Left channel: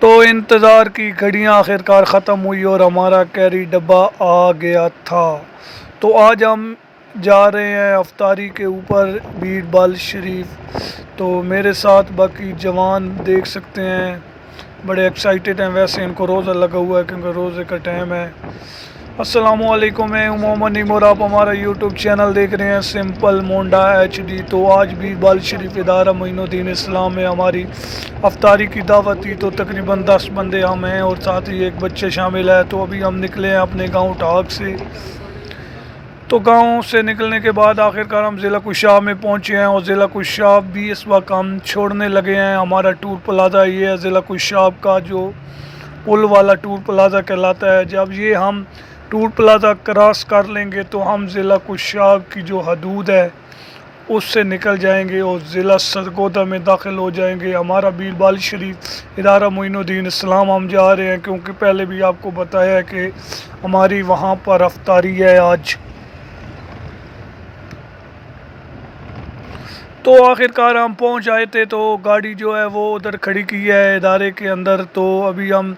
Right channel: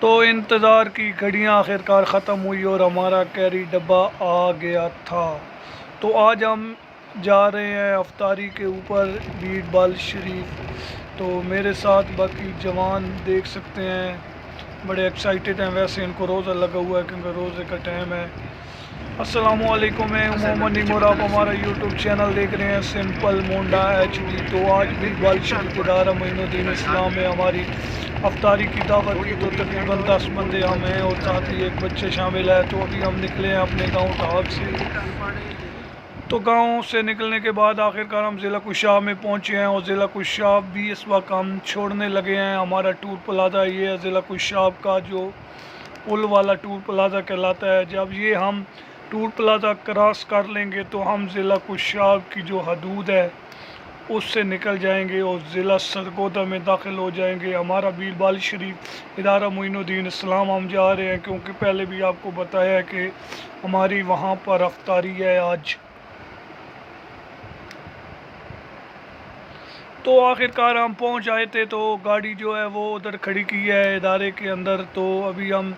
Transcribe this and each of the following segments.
تو انتظار کی گھڑیاں آخرکار ختم ہوئی اور ہمارا کیری ڈبہ آ گیا تھا۔ تو آج ہم جا رہے ہیں افطاری کے اوپر بیڑ بال شریف۔ تو میرے ساتھ باقی جوان دیکھ سکتے ہیں، بڑے ایکسائٹیڈ ہیں۔ ویسے ان کو روزہ لگا ہوا ہے کیونکہ روزے کا ٹائم ہے۔ السلام علیکم، میں محمد نیمور، آپ ہمارا یوٹیوب چینل دیکھ رہے ہیں سمپل مونڈا HD۔ تو آج بھی بال شریف ادارہ معین الدین اسلام میں ہماری افطاری کی دعوت تھی، تو تقریباً 10 بندے ہم ہیں اور ساتھ ہی ایک بچے شامل ہے۔ تو ابھی ہم نکلے ہیں اپنے گاؤں ٹھاک سے۔ تو گاؤں سے نکلنے کے بعد آخرکار ہم ضلع کشاب میں پہنچے ہیں اور ضلع کشاب بھی اس وقت ہم چھوڑنے لگے ہیں۔ ہمارا ٹور پلازا یہ ہے ضلع کشاب کا، جو پل والا ٹور پلازا کہلاتا ہے۔ جب یہ ہم ٹور پلازا کراس کر لیں گے تو ہم ضلع کشاب کی جو حدود ہے اس سے نکل جائیں گے اور ضلع سرگودا میں داخل ہو جائیں گے۔ ہمارا بیڑ بال شریف ادارہ معین الدین اسلام ہم جا رہے ہیں، کیونکہ پہلے بھی آپ کو بتایا ہے کہ ہماری وہاں پر افطاری ہے آج۔ تو آخرکار ہم پہنچ آئے تھے، تو گاڑی جو ہے وہ ادھر کھڑی کی ہے ادارے کے اندر۔ تو ابھی ہم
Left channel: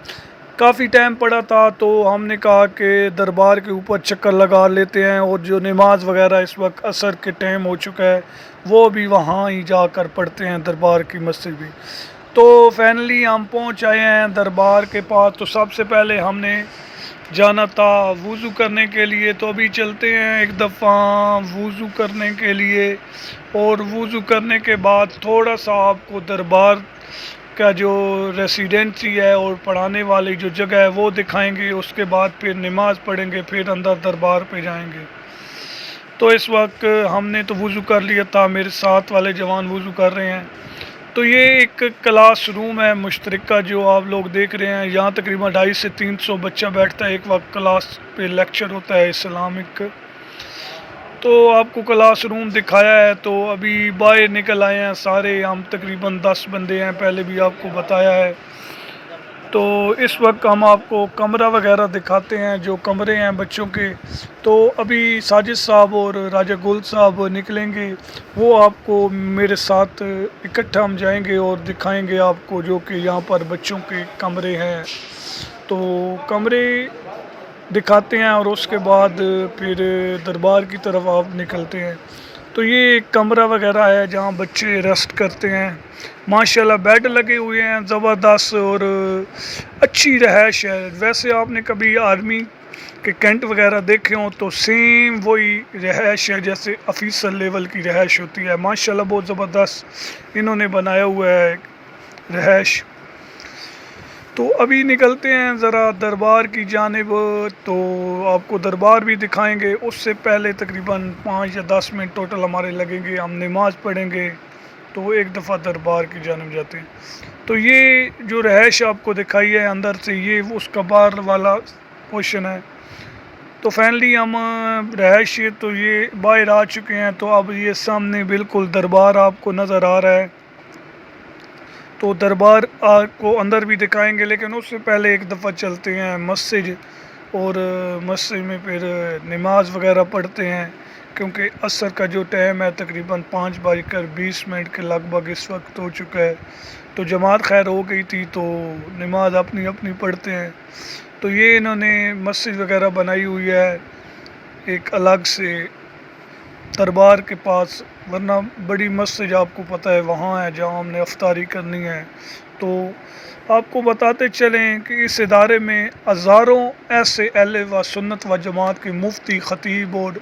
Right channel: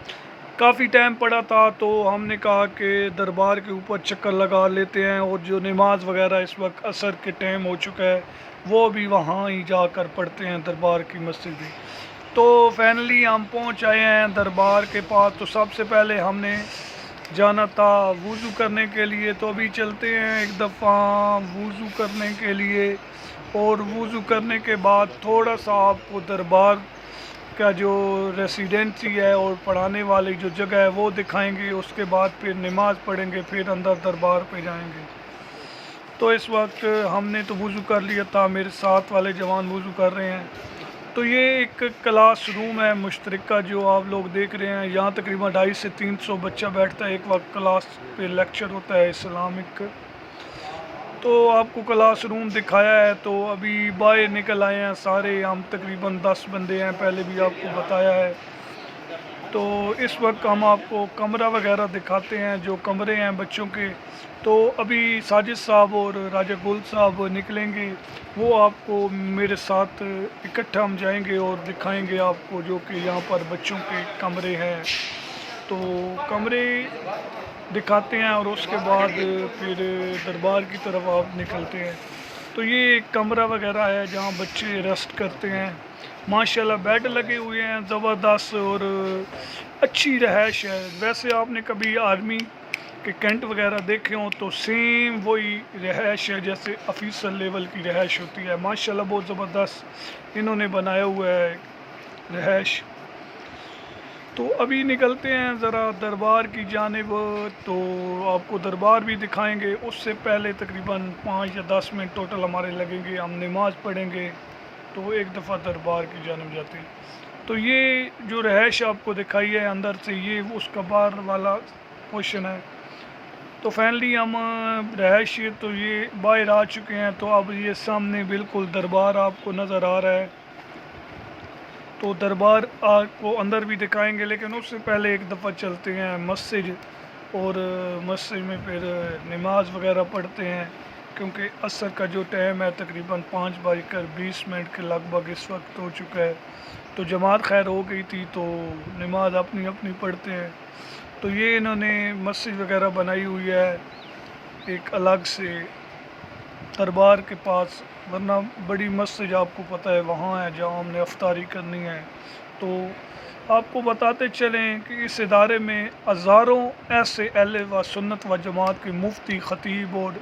کافی ٹائم پڑا تھا تو ہم نے کہا کہ دربار کے اوپر چکر لگا لیتے ہیں، اور جو نماز وغیرہ اس وقت عصر کے ٹائم ہو چکا ہے وہ بھی وہاں ہی جا کر پڑھتے ہیں دربار کی مسجد میں۔ تو فائنلی ہم پہنچ آئے ہیں دربار کے پاس۔ تو سب سے پہلے ہم نے جانا تھا وضو کرنے کے لیے، تو ابھی چلتے ہیں ایک دفعہ وضو کرنے کے لیے، اور وضو کرنے کے بعد تھوڑا سا آپ کو دربار کا جو ریسیڈنسی ہے اور پڑھانے والی جو جگہ ہے وہ دکھائیں گے۔ اس کے بعد پھر نماز پڑھیں گے، پھر اندر دربار پہ جائیں گے۔ تو اس وقت ہم نے تو وضو کر لیا تھا، میرے ساتھ والے جوان وضو کر رہے ہیں۔ تو یہ ایک کلاس روم ہے مشترکہ جو آپ لوگ دیکھ رہے ہیں، یہاں تقریباً 250 سے 300 بچہ بیٹھتا ہے ایک وقت، کلاس پہ لیکچر ہوتا ہے اسلامک۔ تو آپ کو کلاس روم دکھایا ہے۔ تو ابھی باہر نکل آئے ہیں سارے ہم، تقریباً 10 بندے ہیں، پہلے بھی آپ کو بتایا ہے۔ تو اس وقت ہم آپ کو کمرہ وغیرہ دکھاتے ہیں، جو کمرے ہیں بچوں کے۔ تو ابھی ساجد صاحب اور راجہ گل صاحب نکلیں گے، وہ آپ کو میرے ساتھ اکٹھا ہم جائیں گے اور دکھائیں گے آپ کو جو کہ یہاں پر بچوں کے کمرے ہیں۔ تو کمرے دکھاتے ہیں اور اس کے بعد پھر دربار کی طرف آپ نکلتے ہیں۔ تو یہ ایک کمرہ وغیرہ ہے جہاں بچے ریسٹ کرتے ہیں۔ ماشاءاللہ بیڈ لگے ہوئے ہیں زبردست، اور اچھی رہائش ہے۔ ویسے آپ نے کبھی آرمی کے کینٹ وغیرہ دیکھے ہوں تو سیم وہی رہائش ہے جیسے آفیسر لیول کی رہائش ہوتی ہے۔ ماشاءاللہ بہت زبردست انہوں نے بنایا ہوا ہے رہائش۔ تو ابھی نکلتے ہیں ذرا دربار کی جانب، تو آپ کو دربار بھی دکھائیں گے۔ اس سے پہلے تقریباً 5 یا 10 منٹ ٹوٹل ہمارے لگیں گے، ہم نماز پڑھیں گے تو ایک دفعہ دربار کی جانب جاتے ہیں۔ تو یہ جو رہائش آپ کو دکھائی ہے اندر سے، یہ اس کا باہر والا پورشن ہے۔ تو فائنلی ہم رہائش تو یہ باہر آ چکے ہیں، تو اب یہ سامنے بالکل دربار آپ کو نظر آ رہا ہے۔ تو دربار آپ کو اندر بھی دکھائیں گے، لیکن اس سے پہلے ایک دفعہ چلتے ہیں مسجد، اور مسجد میں پھر نماز وغیرہ پڑھتے ہیں، کیونکہ عصر کا جو ٹائم ہے تقریباً 5:20 کے لگ بھگ اس وقت ہو چکا ہے۔ تو جماعت خیر ہو گئی تھی تو نماز اپنی اپنی پڑھتے ہیں۔ تو یہ انہوں نے مسجد وغیرہ بنائی ہوئی ہے ایک الگ سے دربار کے پاس، ورنہ بڑی مسجد آپ کو پتہ ہے وہاں ہے جہاں ہم نے افطاری کرنی ہے۔ تو آپ کو بتاتے چلیں کہ اس ادارے میں ہزاروں ایسے اہل و سنت و جماعت کے مفتی، خطیب اور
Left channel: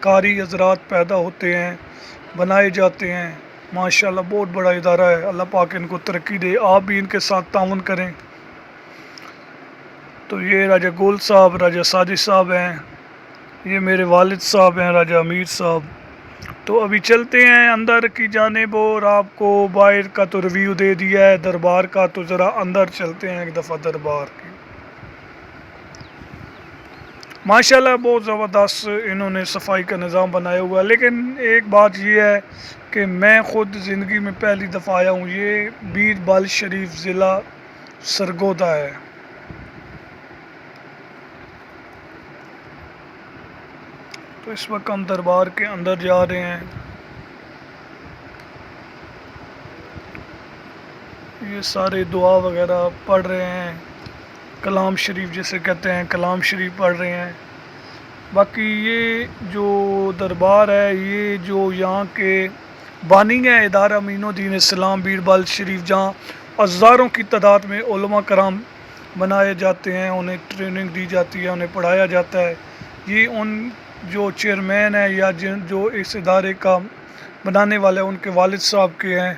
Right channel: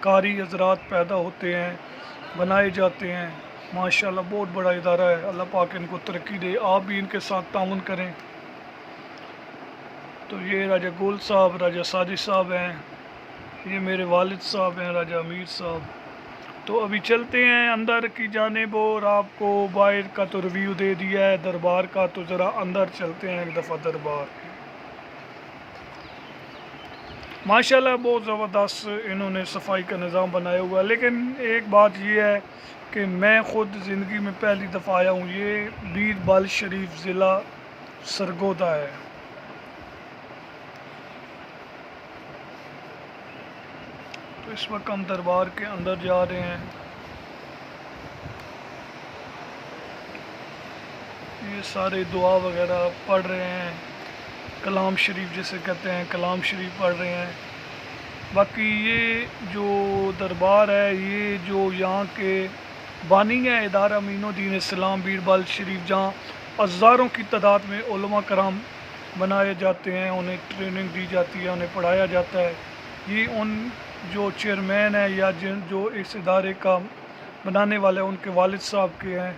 قاری حضرات پیدا ہوتے ہیں، بنائے جاتے ہیں۔ ماشاءاللہ بہت بڑا ادارہ ہے، اللہ پاک ان کو ترقی دے، آپ بھی ان کے ساتھ تعاون کریں۔ تو یہ راجہ گول صاحب، راجہ ساجد صاحب ہیں، یہ میرے والد صاحب ہیں راجہ امیر صاحب۔ تو ابھی چلتے ہیں اندر کی جانب، اور آپ کو باہر کا تو ریویو دے دیا ہے دربار کا، تو ذرا اندر چلتے ہیں ایک دفعہ دربار کی۔ ماشاءاللہ بہت زبردست انہوں نے صفائی کا نظام بنایا ہوا ہے، لیکن ایک بات یہ ہے کہ میں خود زندگی میں پہلی دفعہ آیا ہوں، یہ بیڑ بال شریف ضلع سرگودا ہے۔ تو اس وقت ہم دربار کے اندر جا رہے ہیں۔ یہ سارے دعا وغیرہ پڑھ رہے ہیں، کلام شریف جسے کہتے ہیں، کلام شریف پڑھ رہے ہیں۔ باقی یہ جو دربار ہے، یہ جو یہاں کے بانی ہیں ادارہ امین الدین اسلام بیربل شریف، جہاں ہزاروں کی تعداد میں علماء کرام بنائے جاتے ہیں، انہیں ٹریننگ دی جاتی ہے، انہیں پڑھایا جاتا ہے۔ یہ ان جو چیئرمین ہیں یا جو اس ادارے کا بنانے والے ان کے والد صاحب کے ہیں۔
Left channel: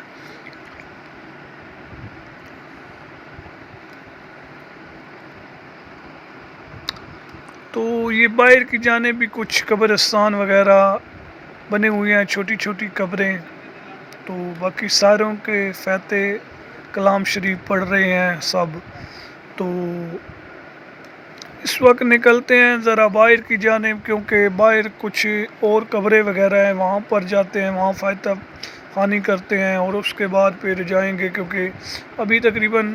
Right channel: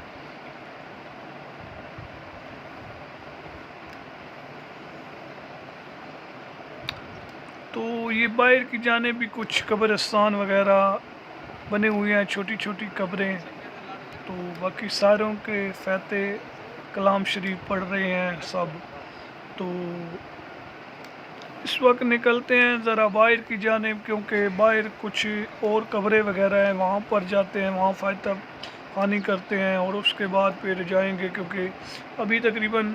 تو یہ باہر کی جانب بھی کچھ قبرستان وغیرہ بنے ہوئے ہیں، چھوٹی چھوٹی قبریں۔ تو باقی ساروں کے فاتح کلام شریف پڑھ رہے ہیں سب۔ تو اس وقت نکلتے ہیں ذرا باہر کی جانب، کیونکہ باہر کچھ اور قبریں وغیرہ ہیں، وہاں پر جاتے ہیں، وہاں فاتح خوانی کرتے ہیں اور اس کے بعد پھر جائیں گے، کیونکہ ابھی تقریباً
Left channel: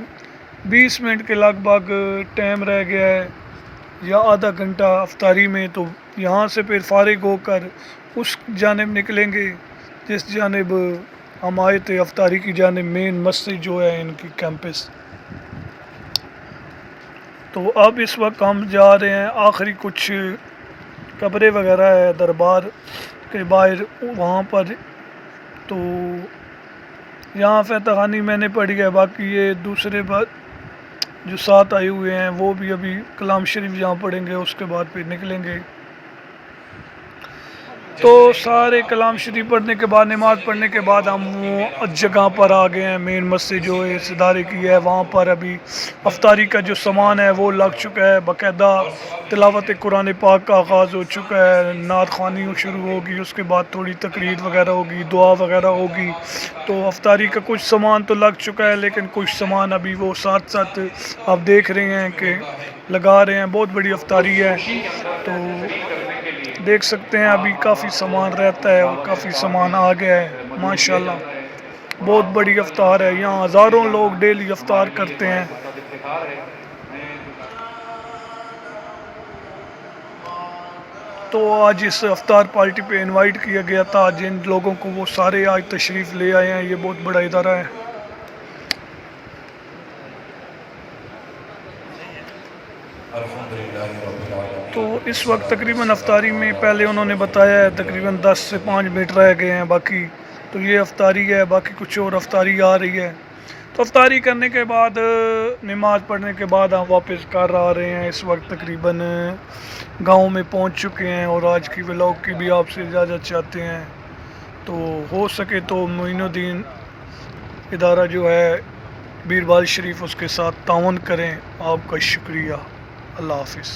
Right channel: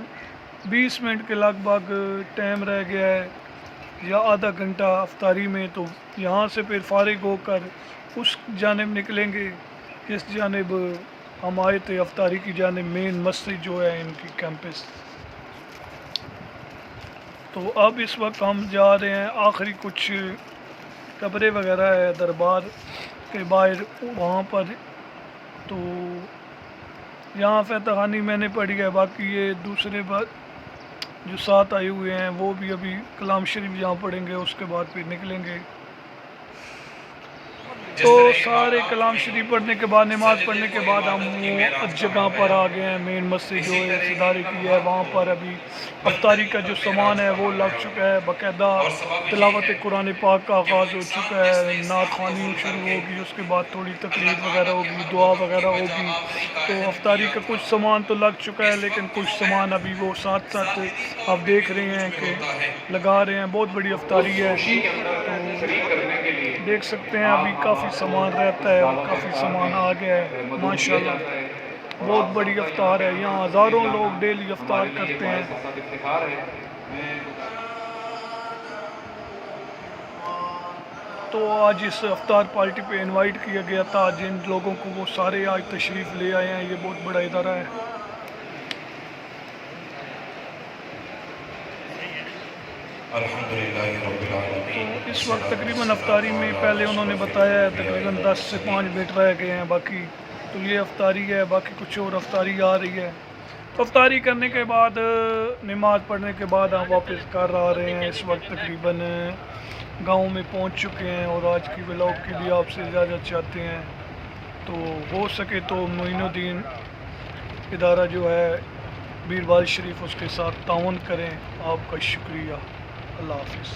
20 منٹ کے لگ بھگ ٹائم رہ گیا ہے یا آدھا گھنٹہ افطاری میں۔ تو یہاں سے پھر فارغ ہو کر اس جانب نکلیں گے جس جانب ہم آئے تھے، افطاری کی جانب، مین مسجد جو ہے ان کی کیمپس۔ تو اب اس وقت ہم جا رہے ہیں، آخری کچھ قبریں وغیرہ ہے دربار کے باہر وہاں پر۔ تو یہاں فاتح خوانی میں نے پڑھی ہے، باقی یہ دوسرے جو ساتھ آئے ہوئے ہیں وہ بھی ابھی کلام شریف یہاں پڑھیں گے، اس کے بعد پھر نکلیں گے۔ تو سارے کلام شریف پڑھنے کے بعد، نماز پڑھنے کے بعد ہم وہ جگہ پر آ گئے ہیں، مین مسجد جو اس ادارے کی ہے، وہاں پر ابھی افطاری کا جو سامان ہے وہ لگ چکا ہے، باقاعدہ تلاوت قرآن پاک کا آغاز ہو چکا ہے، نعت خوانی شروع ہوگی، اس کے بعد تھوڑی تقریر وغیرہ ہوگی، دعا وغیرہ ہوگی۔ تو افطاری کا کچھ سامان تو لگ چکا ہے، لیکن کچھ سامان ابھی وہ ساتھ ساتھ آپ دیکھ رہے ہیں کہ لگا رہے ہیں۔ بہت بڑی افطاری ہے، تو دیکھ سکتے ہیں ابھی کافی سامان رہتا ہے اور کافی سامان آ گیا ہے ماشاءاللہ۔ بہت بڑی افطار ہے، یہاں ہزاروں لوگ ڈیلی افطار کرتے ہیں۔ تو آج اس افطار پارٹی پہ انوائٹ کیا گیا تھا جن لوگوں کو، وہ سارے آج تشریف لے آئے ہیں۔ یہ بہت بڑا ادارہ ہے۔ تو اس وقت تقریباً افطاری میں پہلے انہوں نے بتایا ہے تقریباً 10 سے 5 منٹ رہ گئے ہیں باقی۔ تو یہ افطاری ہے، باقی کچھ اور افطاری آ رہی ہے۔ تو افطاری کرنے کے بعد، نماز پڑھنے کے بعد ہم واپس گھر آ رہے ہیں۔ اس وقت تقریباً گاؤں میں پہنچ چکے ہیں اور آج کی ولاگ کی بھی آپ سے اجازت چاہتے ہیں۔ تو ہو سکے تو معین الدین ادارہ جو ہے بیربل شریف، اس کے ساتھ تعاون کریں۔ آپ کا شکریہ۔ اللہ حافظ۔